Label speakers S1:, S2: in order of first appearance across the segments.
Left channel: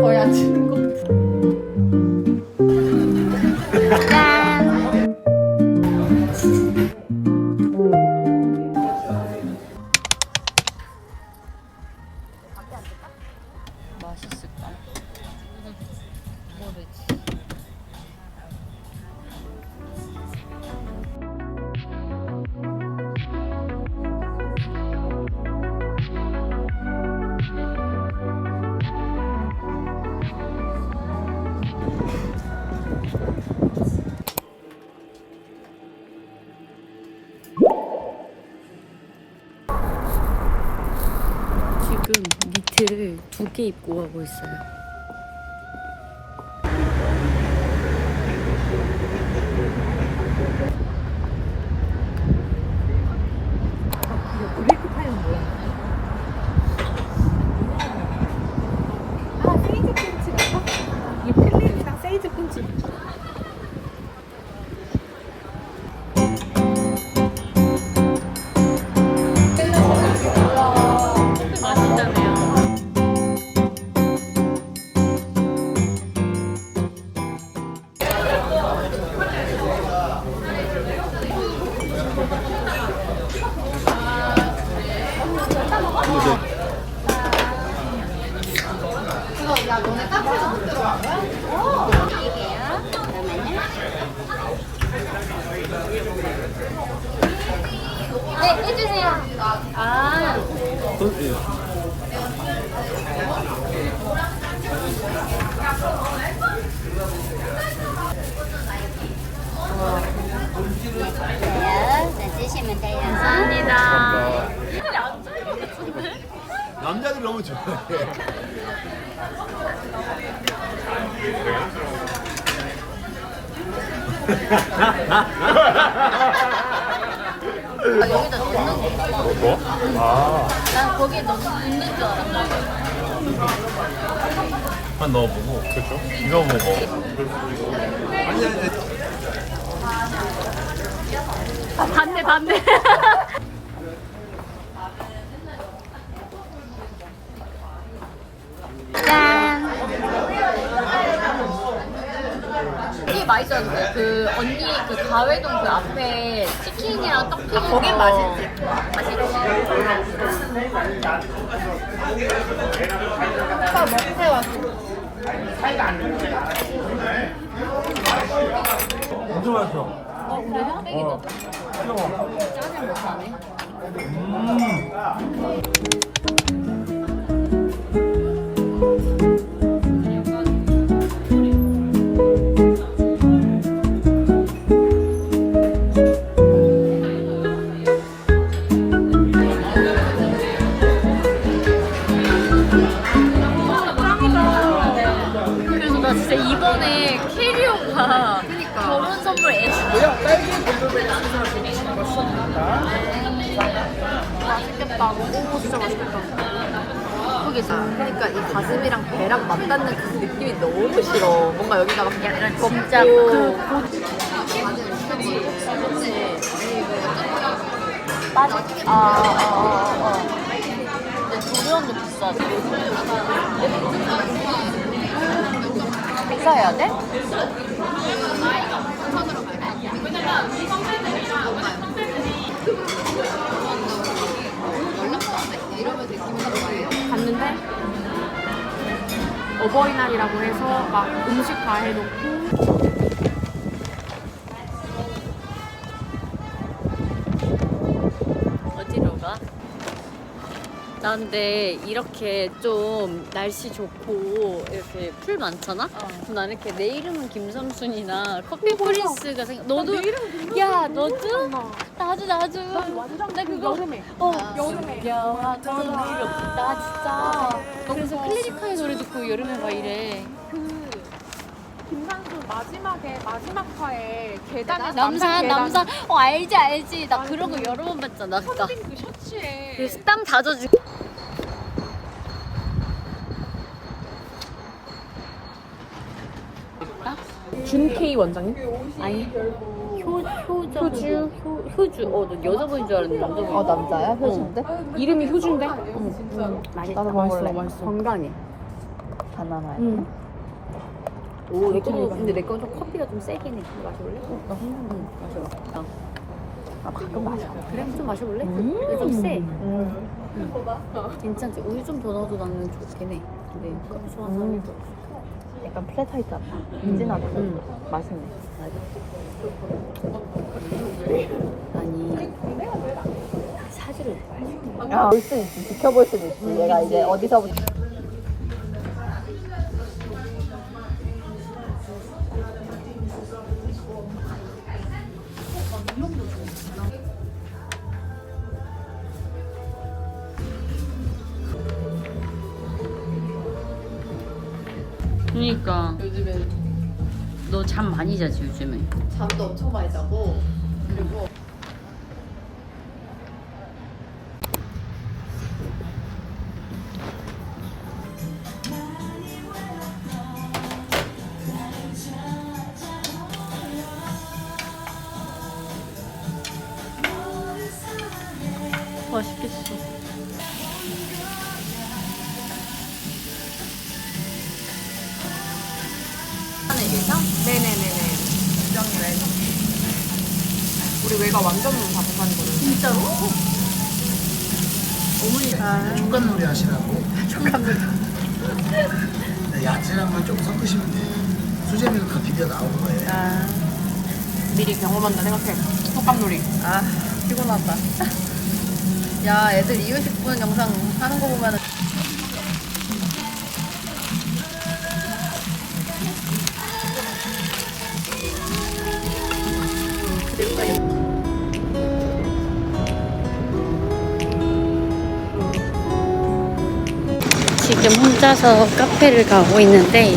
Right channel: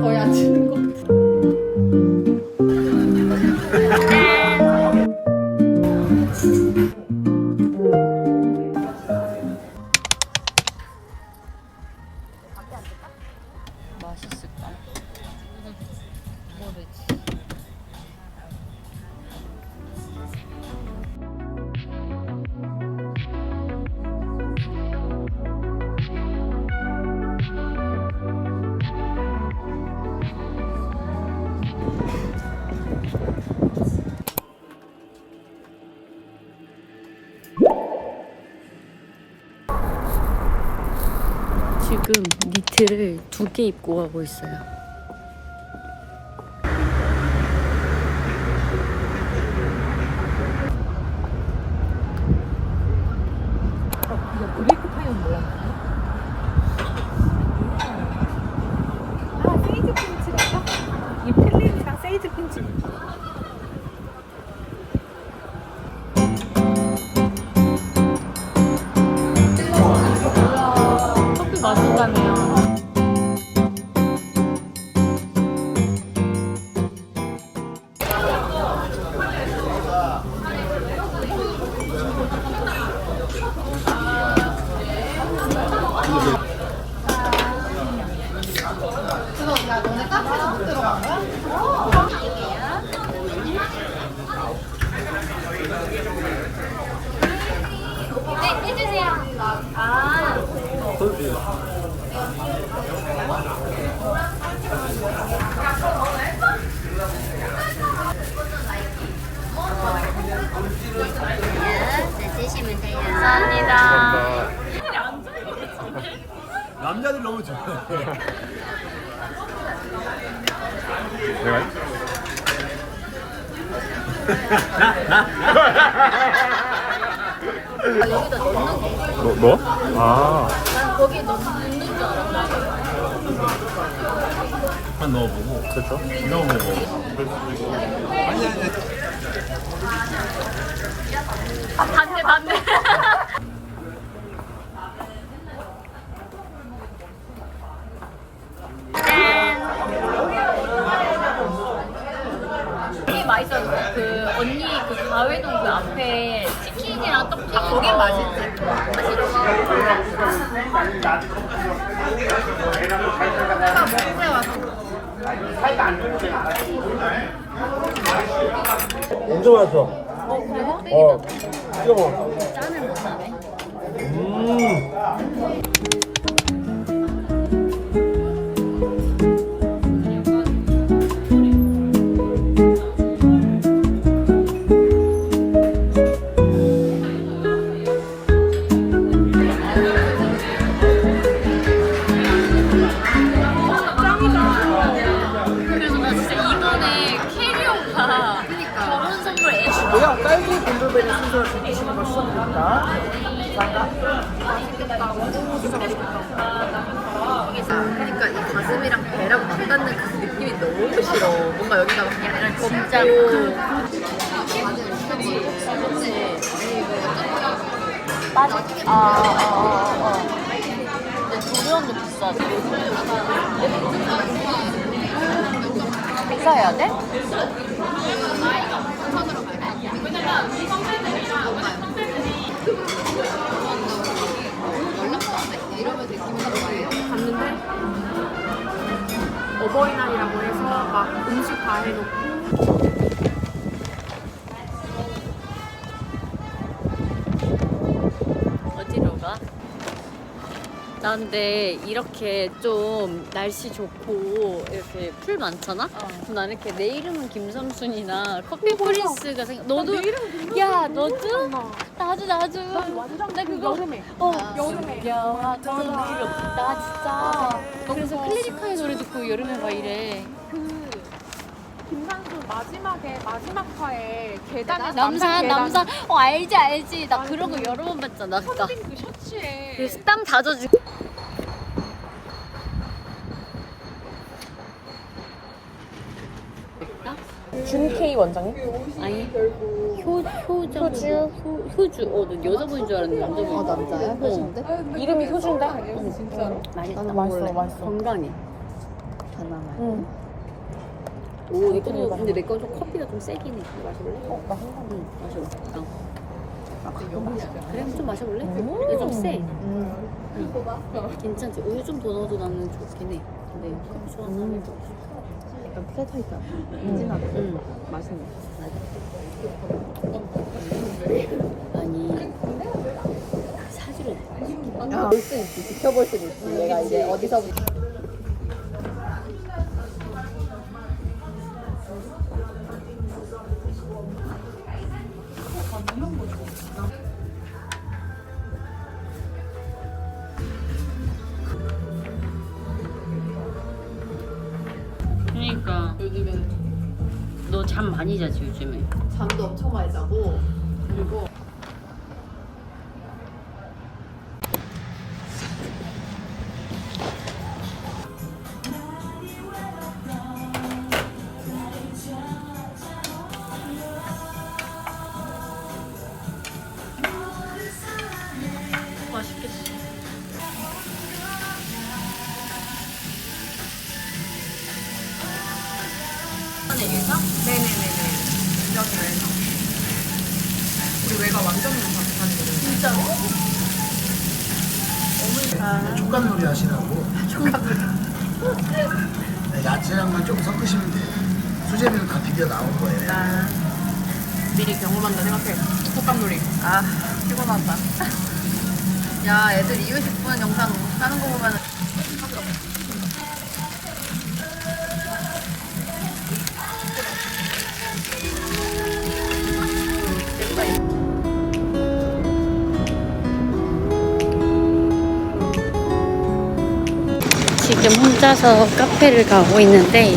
S1: 거의 안
S2: 니트를 두 개 입고 가고 있어요.
S3: 드시면 돼요.
S2: 감사합니다.
S4: 남자들 너무 좋아해.
S2: 아, 여기다 넣는 거. 난 거기 넣는 줄 알았어.
S4: 한 넣어보고. 그렇죠. 이거 먹어.
S2: 아, 반대, 반대. 이게 맛있었어요. 그 언니 그 가회동 그 앞에 치킨이랑 떡 튀긴 거기 맛있지.
S4: 엄청 맛있어.
S2: 어, 우리 흑백이다.
S4: 이거 먹어.
S2: 짠을 못 사네. 그 진짜
S1: 그
S2: 맞아. 아, 아, 아, 아. 근데 조리원도 비싸지. 비싸야 돼?
S1: 갔는데 어버이날이라고 해서 막 음식 다 해놓고
S2: 나 근데 이렇게 좀 날씨 좋고 이렇게 풀 많잖아? 그럼 나는 이렇게 내 이름은 김삼순이나 커피 프린스가 생각 너도 야. 너도? 나도 나도.
S1: 완전 나그
S2: 그거
S1: 여름에.
S2: 어.
S1: 여름에.
S2: 여하던 이름 나 진짜. 그래서 클래식하의 노래 듣고 여름에 막 이래.
S1: 그 김상수 마지막에 마지막 화에 계단에
S2: 남산 남산 어 알지 알지. 나 그런 거 여러 번 봤잖아 나
S1: 선빈 그 셔츠에.
S2: 그래서 땀 다 젖지
S1: 원장님?
S2: 아니 효 효정 효주 효 효주 어너 여자분인 줄 알았는데 남자분
S1: 아 남자야? 효준데? 이름이 효준데?
S2: 맛있다
S1: 나도 맛있어,
S2: 먹을래.
S1: 맛있어.
S2: 건강해
S1: 아니야.
S2: 응. 오, 내 거도 근데 내 건 좀 커피가 좀 세긴 해. 마셔볼래? 어, 나 응, 마셔봐. 어.
S1: 아, 가끔 마셔.
S2: 그래? 좀 마셔볼래? 근데 좀 세.
S1: 음.
S2: 응. 괜찮지? 우유 좀 더 넣어도 나는 좋긴 해. 근데 커피 좋아하는 사람이 또
S1: 약간 플랫하이트하다. 진하다.
S2: 응.
S1: 맛있네.
S2: 아니 사주를 내가
S1: 야, 볼 수도 있지. 지켜볼 수도 있지. 얘가 이제 어디서부터.
S2: 그러니까.
S1: 요즘에는
S2: 너 잠 많이 자지 요즘에?
S1: 잠도 엄청 많이 자고 그리고 네네네네. 우리 외가 완전 바삭한 거를. 진짜로?
S5: 촉감놀이 하시라고. 네, 야채랑만 좀 섞으시면 돼요. 수제비는 다 비벼 나온 거예요.
S1: 미리 경험한다 생각해. 컵밥놀이. 아, 피곤하다. 야, 애들 이유식 분 영상 하는 거 보면
S2: 지금 혼자서 카페를 가고 있는데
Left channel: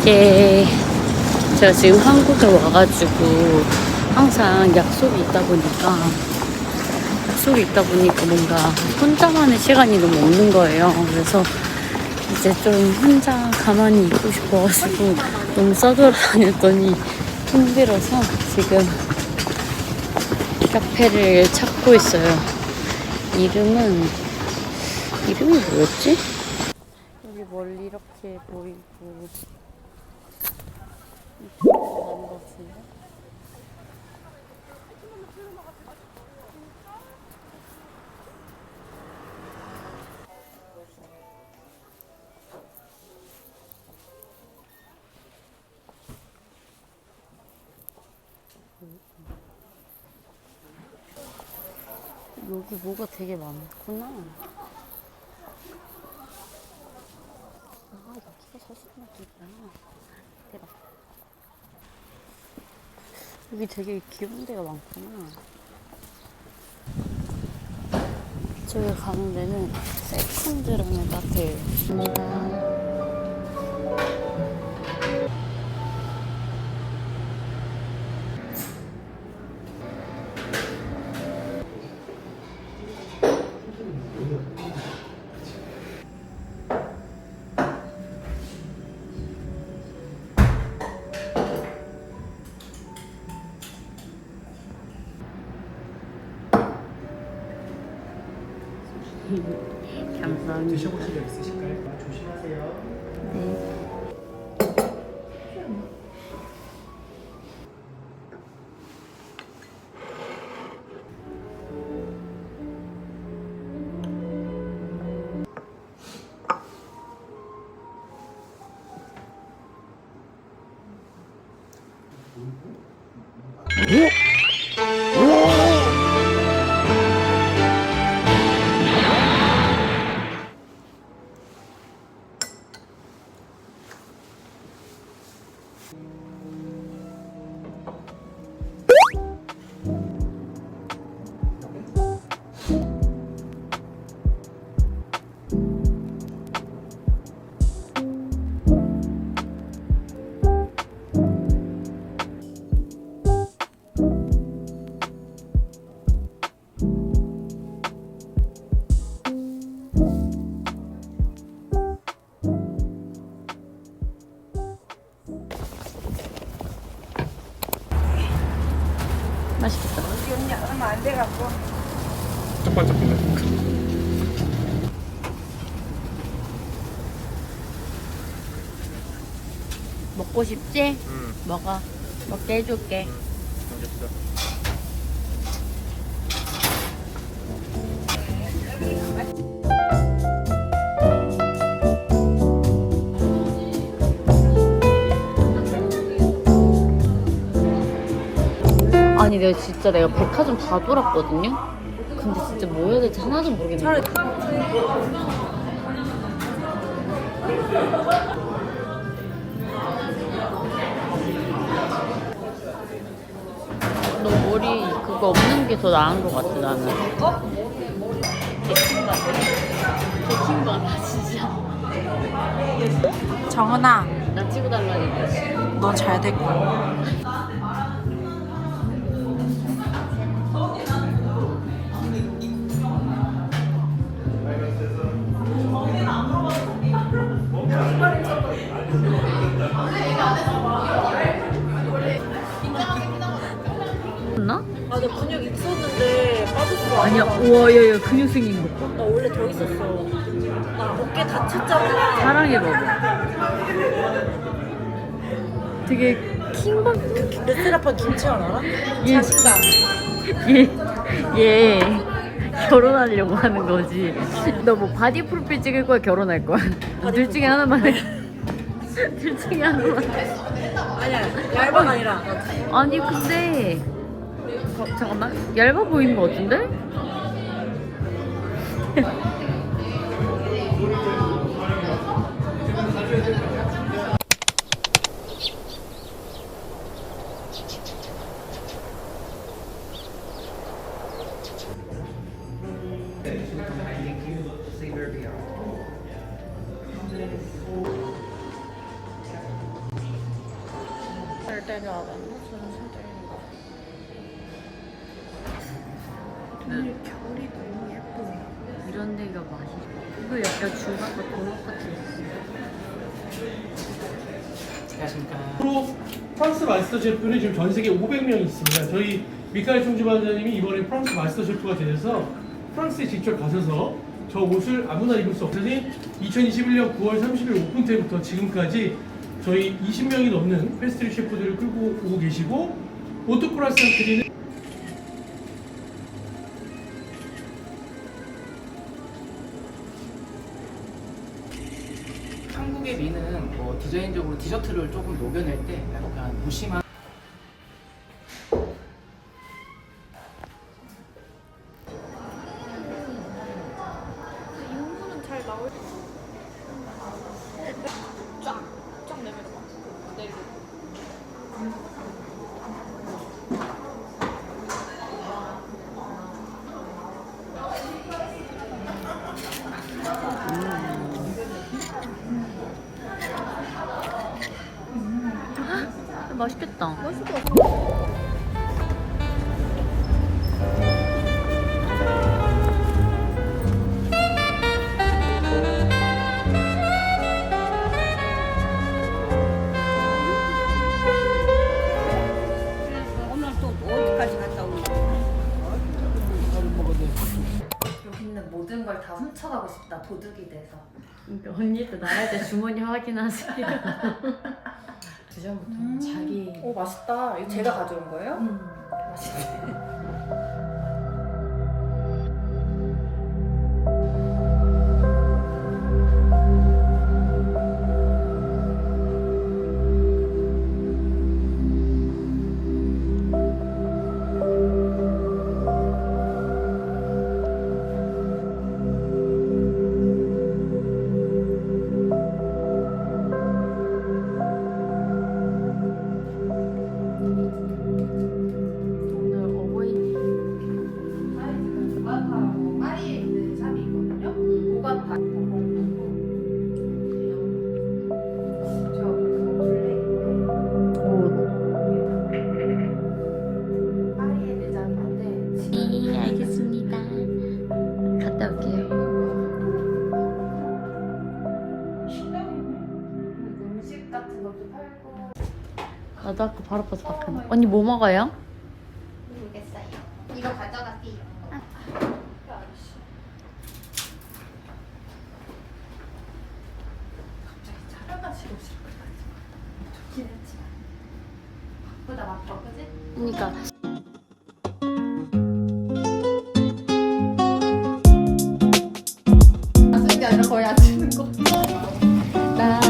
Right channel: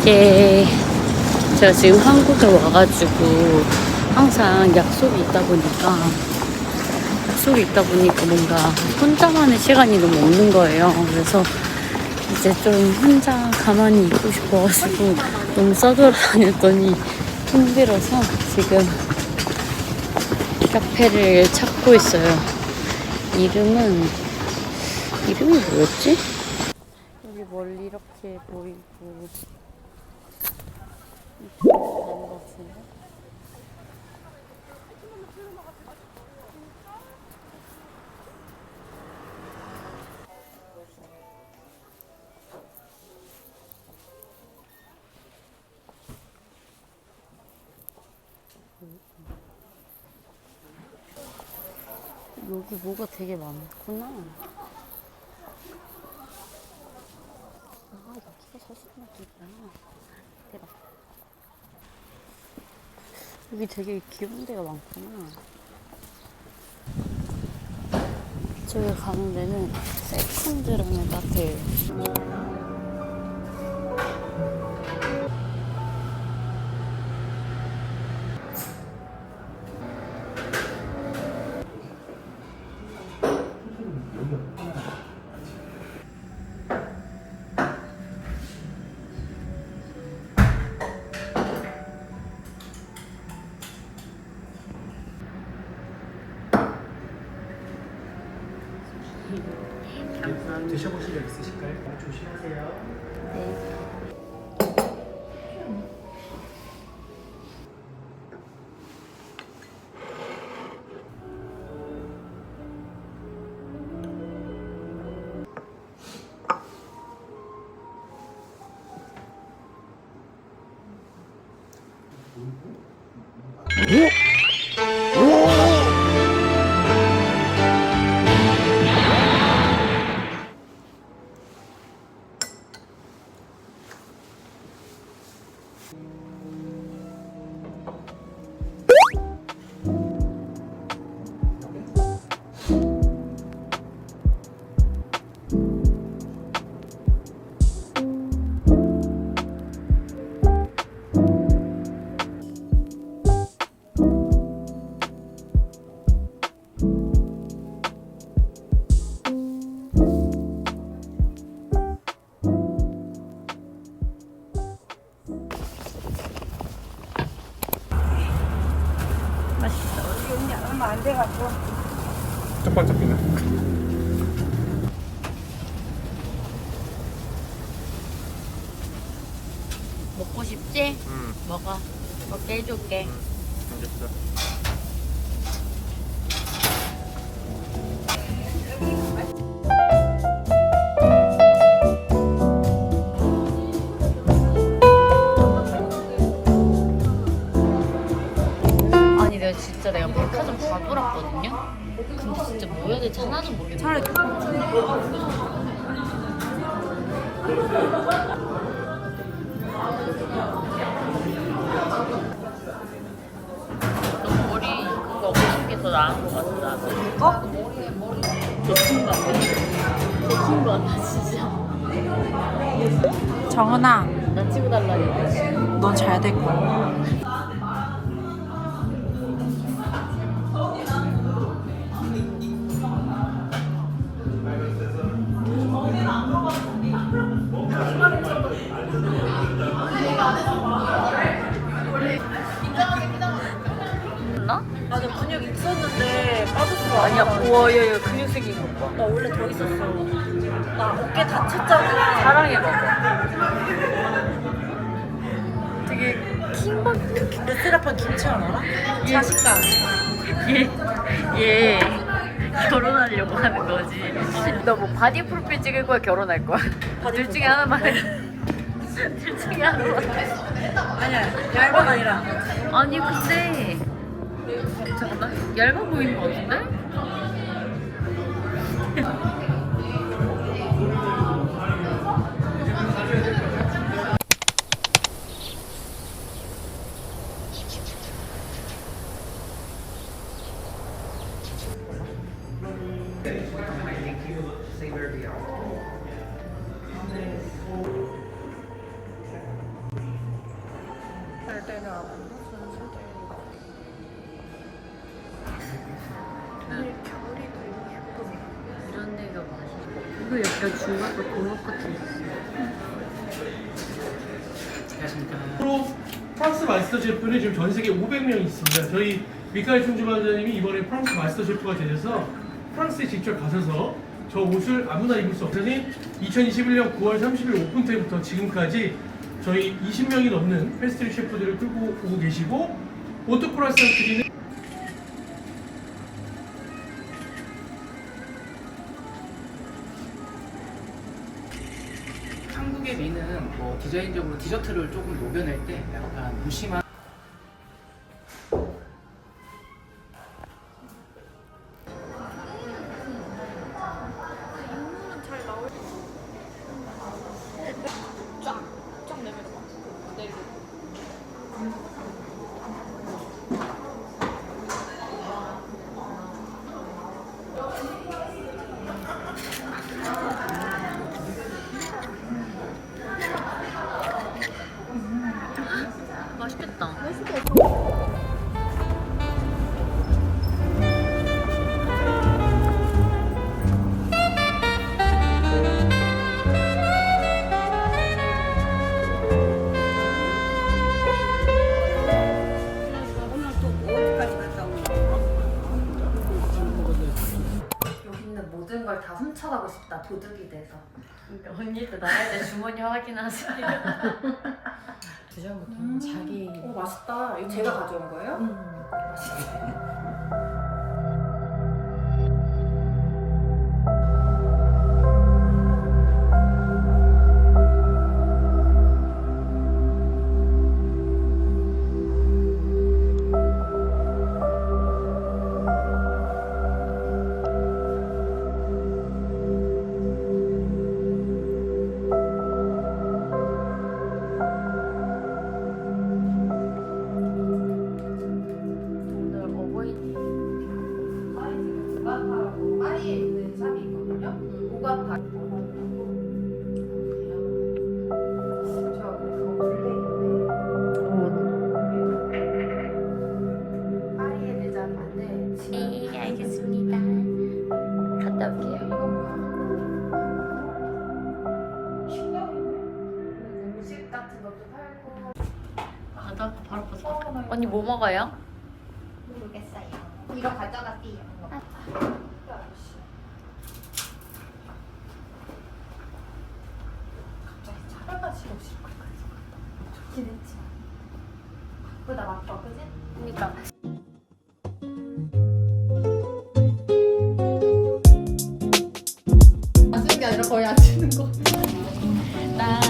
S2: 이게 제가 지금 한국에 와가지고 항상 약속이 있다 보니까 약속이 있다 보니까 뭔가 혼자만의 시간이 너무 없는 거예요. 그래서 이제 좀 혼자 가만히 있고 싶어가지고 너무 써돌아다녔더니 힘들어서 지금 카페를 찾고 있어요. 이름은 이름이 뭐였지? 여기 멀리 이렇게 보이고 이쪽으로 가는 것 같은데? 여기 뭐가 되게 많구나. 아, 여기가 서수문학이구나. 대박. 여기 되게 귀여운 데가 많구나. 저기 가는 데는 세컨드라는 카페예요.
S5: おっ。
S2: 먹어. 먹게 해줄게.
S6: 알겠어.
S2: 아니 내가 진짜 내가 백화점 다 돌았거든요? 근데 진짜 뭐 해야 될지 하나도 모르겠네. 차라리 그거 없는 게더 나은 것 같아 나는. 개친 거 같아 진짜.
S7: 정은아,
S2: 나 찍어달라니까.
S7: 넌 잘 될 거야.
S2: 얘, 얘 근육 생긴 거.
S7: 나 원래 더 있었어. 나 어깨 다쳤잖아.
S2: 사랑해봐. 되게 킹받.
S7: 레스라판 김치환 알아? 자신감.
S2: 얘, 얘 결혼하려고 하는 거지. 너 뭐 바디 프로필 찍을 거야, 결혼할 거야? 둘 중에 하나만 해. 둘 중에 하나.
S7: 아니야, 얇은 아니라.
S2: 아니 근데 어, 잠깐만 얇아 보이는 거 같은데? 약간 중간과 도넛 같은 거.
S8: 프로 프랑스 마스터 셰프는 지금 전 세계 500명 있습니다. 저희 미카엘 총주반장님이 이번에 프랑스 마스터 셰프가 되셔서 프랑스에 직접 가셔서 저 옷을 아무나 입을 수 없으니 2021년 9월 30일 오픈 때부터 지금까지 저희 20명이 넘는 패스트리 셰프들을 끌고 오고 계시고 오토프라스 상트리는
S9: 디자인적으로 디저트를 조금 녹여낼 때 약간 무심한
S2: 맛있겠다.
S1: 여기 있는 모든 걸다 훔쳐가고 싶다. 도둑이 돼서.
S2: 언니도 나야 돼 주머니 확인하세요.
S1: 그전부터 자기
S7: 오, 맛있다. 이거 제가 가져온 거예요?
S2: 오
S1: 아니라 거의 안 쓰는 거.
S2: 나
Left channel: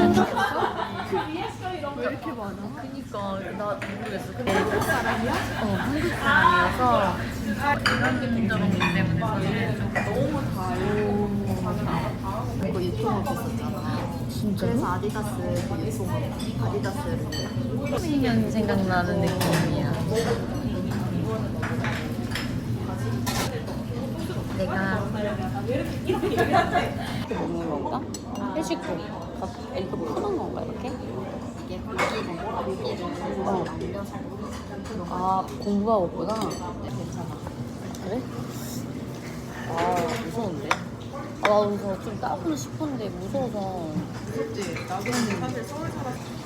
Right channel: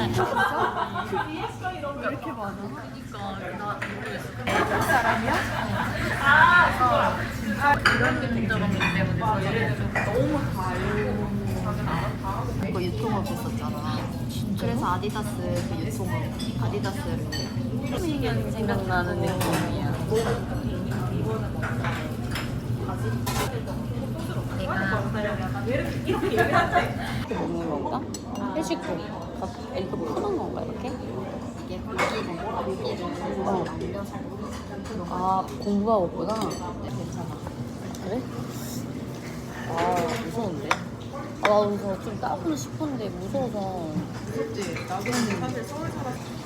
S1: 왜 이렇게 많아?
S2: 그니까 나 이런 느낌처럼 때문에 저희는 좀 너무
S1: 이거 유튜버 했었잖아. 그래서 아디다스 그 유튜버 아디다스를
S2: 시기는 생각나는 데 먹는 건가? 해시고 이거 푸는 건가 이렇게? 어. 아 공부하고 있구나 괜찮아 그래? 아 무서운데? 아 나도 좀 따고는 싶었는데 무서워서
S1: 그치 나도 사실 서울 살았어.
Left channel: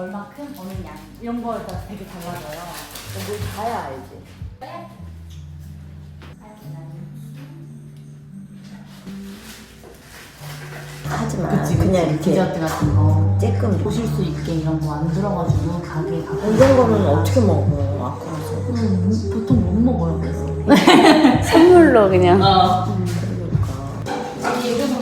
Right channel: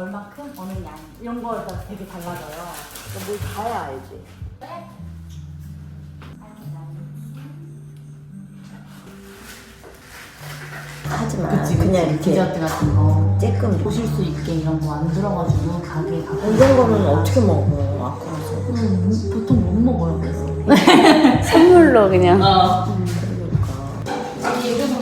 S7: 얼마큼 어느 양 이런 거에 따라 되게 달라져요. 뭘 봐야 알지.
S6: 하지만 그냥 이렇게
S7: 디저트 같은 거.
S6: 쬐끔
S7: 보실 수 있게 이런 거 안 들어가지고 가게 가고.
S6: 이런 거는 어떻게 먹어 아까워서?
S7: 음, 보통 못 먹어요 그래서.
S2: 선물로 그냥.
S3: 이거는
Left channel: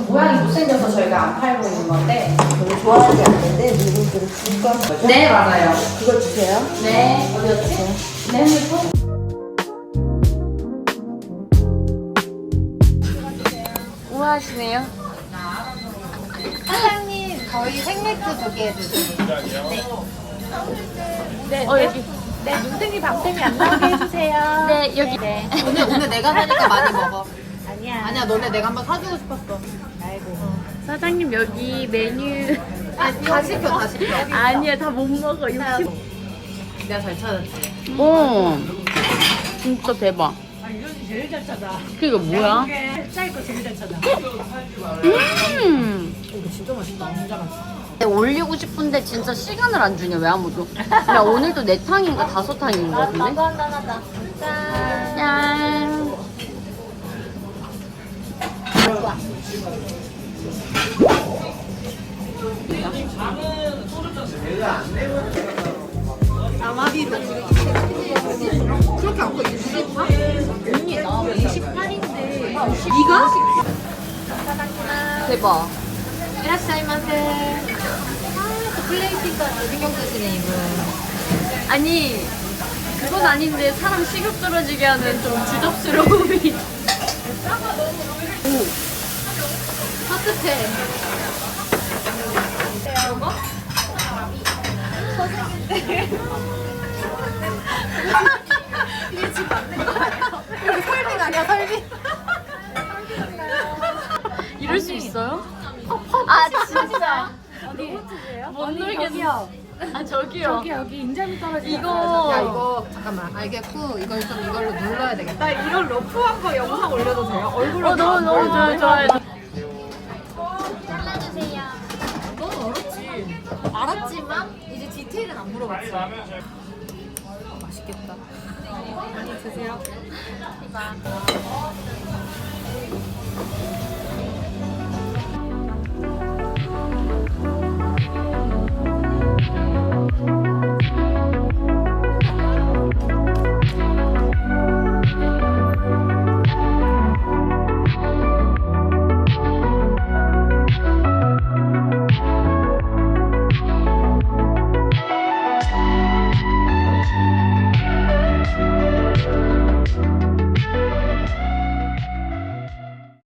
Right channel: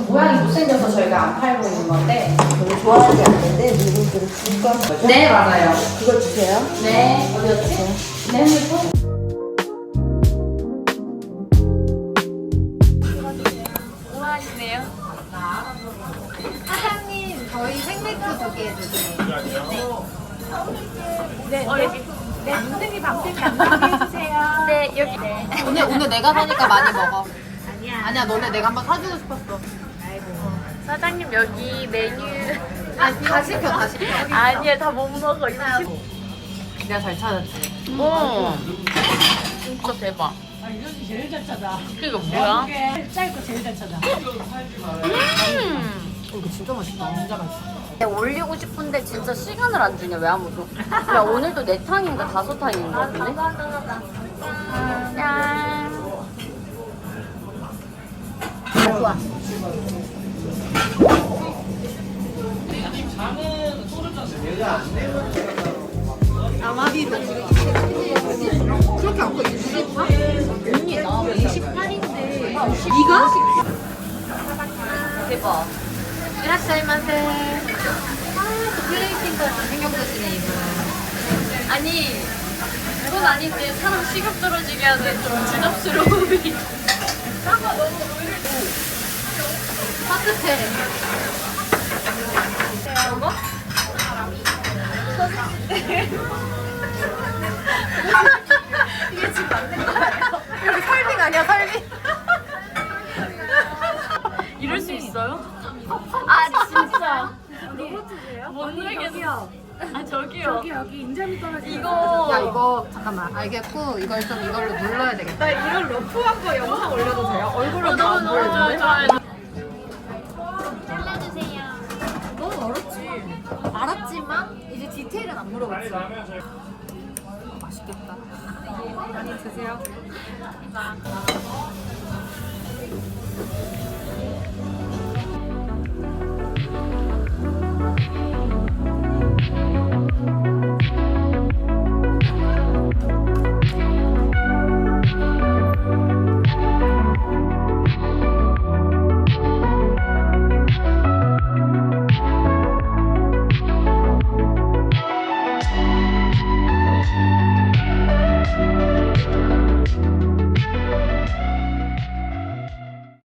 S3: 모양이 못생겨서 저희가 안 팔고 있는 건데.
S6: 별로 좋아하지 않는데 누구들은 줄까?
S3: 네, 맞아요.
S6: 그거 주세요
S3: 네, 어디였지? 네, 핸드폰.
S2: 우아하시네요
S3: 사장님, 저희 생맥주 두개 해주세요. 네. 네, 네. 네, 눈탱이 방탱이 안 나게 해주세요.
S2: 네 여기
S3: 네.
S1: 오늘 오늘 내가 사니까 많이 먹어.
S3: 아니야.
S1: 아니야 너네 내가 한번 사주고 싶었어.
S2: 사장님 여기 메뉴
S1: 아니 다 시켜 다 시켜.
S2: 아니야 다 못 먹어 이거
S1: 내가 잘 찾았지.
S2: 오 진짜 대박
S7: 아 이현이 제일 잘 찾아.
S2: 그게 뭐야?
S7: 짧고 제일 잘 찾아.
S2: 음
S1: 이거 진짜 맛있다. 진짜 맛있어.
S2: 근데 올리고 싶은데 진짜 시간을 안 주냐 왜 아무도 야, 오늘도 네 탕인가 다섯 탕인 거 같은데 짠
S1: 아마비로. 그렇게 안 커. 28? 언니 나 28인데. 이가? 대박. 이라시마세. 아, 또 플레이팅까지 신경 쓰시네, 이거.
S2: 아니 그건 아닌데 사람 식욕 떨어지게 하는 좀 주접스러움이
S1: 따뜻해.
S2: 이거?
S1: 이게 지금 맞는 거예요? 이거 설빙 아니야, 설빙?
S2: 이럴 수 있어요? 아 진짜 로봇이세요? 못 놀겠어 아 저기요 저기
S7: 여기 인자미 떨어지.
S2: 이거
S1: 야, 이거, 잠깐만. 알겠고, 이걸 좀 이걸로 눌러야 되겠다.
S7: 나 이런 러프한 거 영상 올려도 돼요? 얼굴로
S2: 어, 너무 너무 좋아요 좋아요
S1: 알았지만, 이제 디테일은 안 물어봤지. 맛있겠다. 많이 드세요.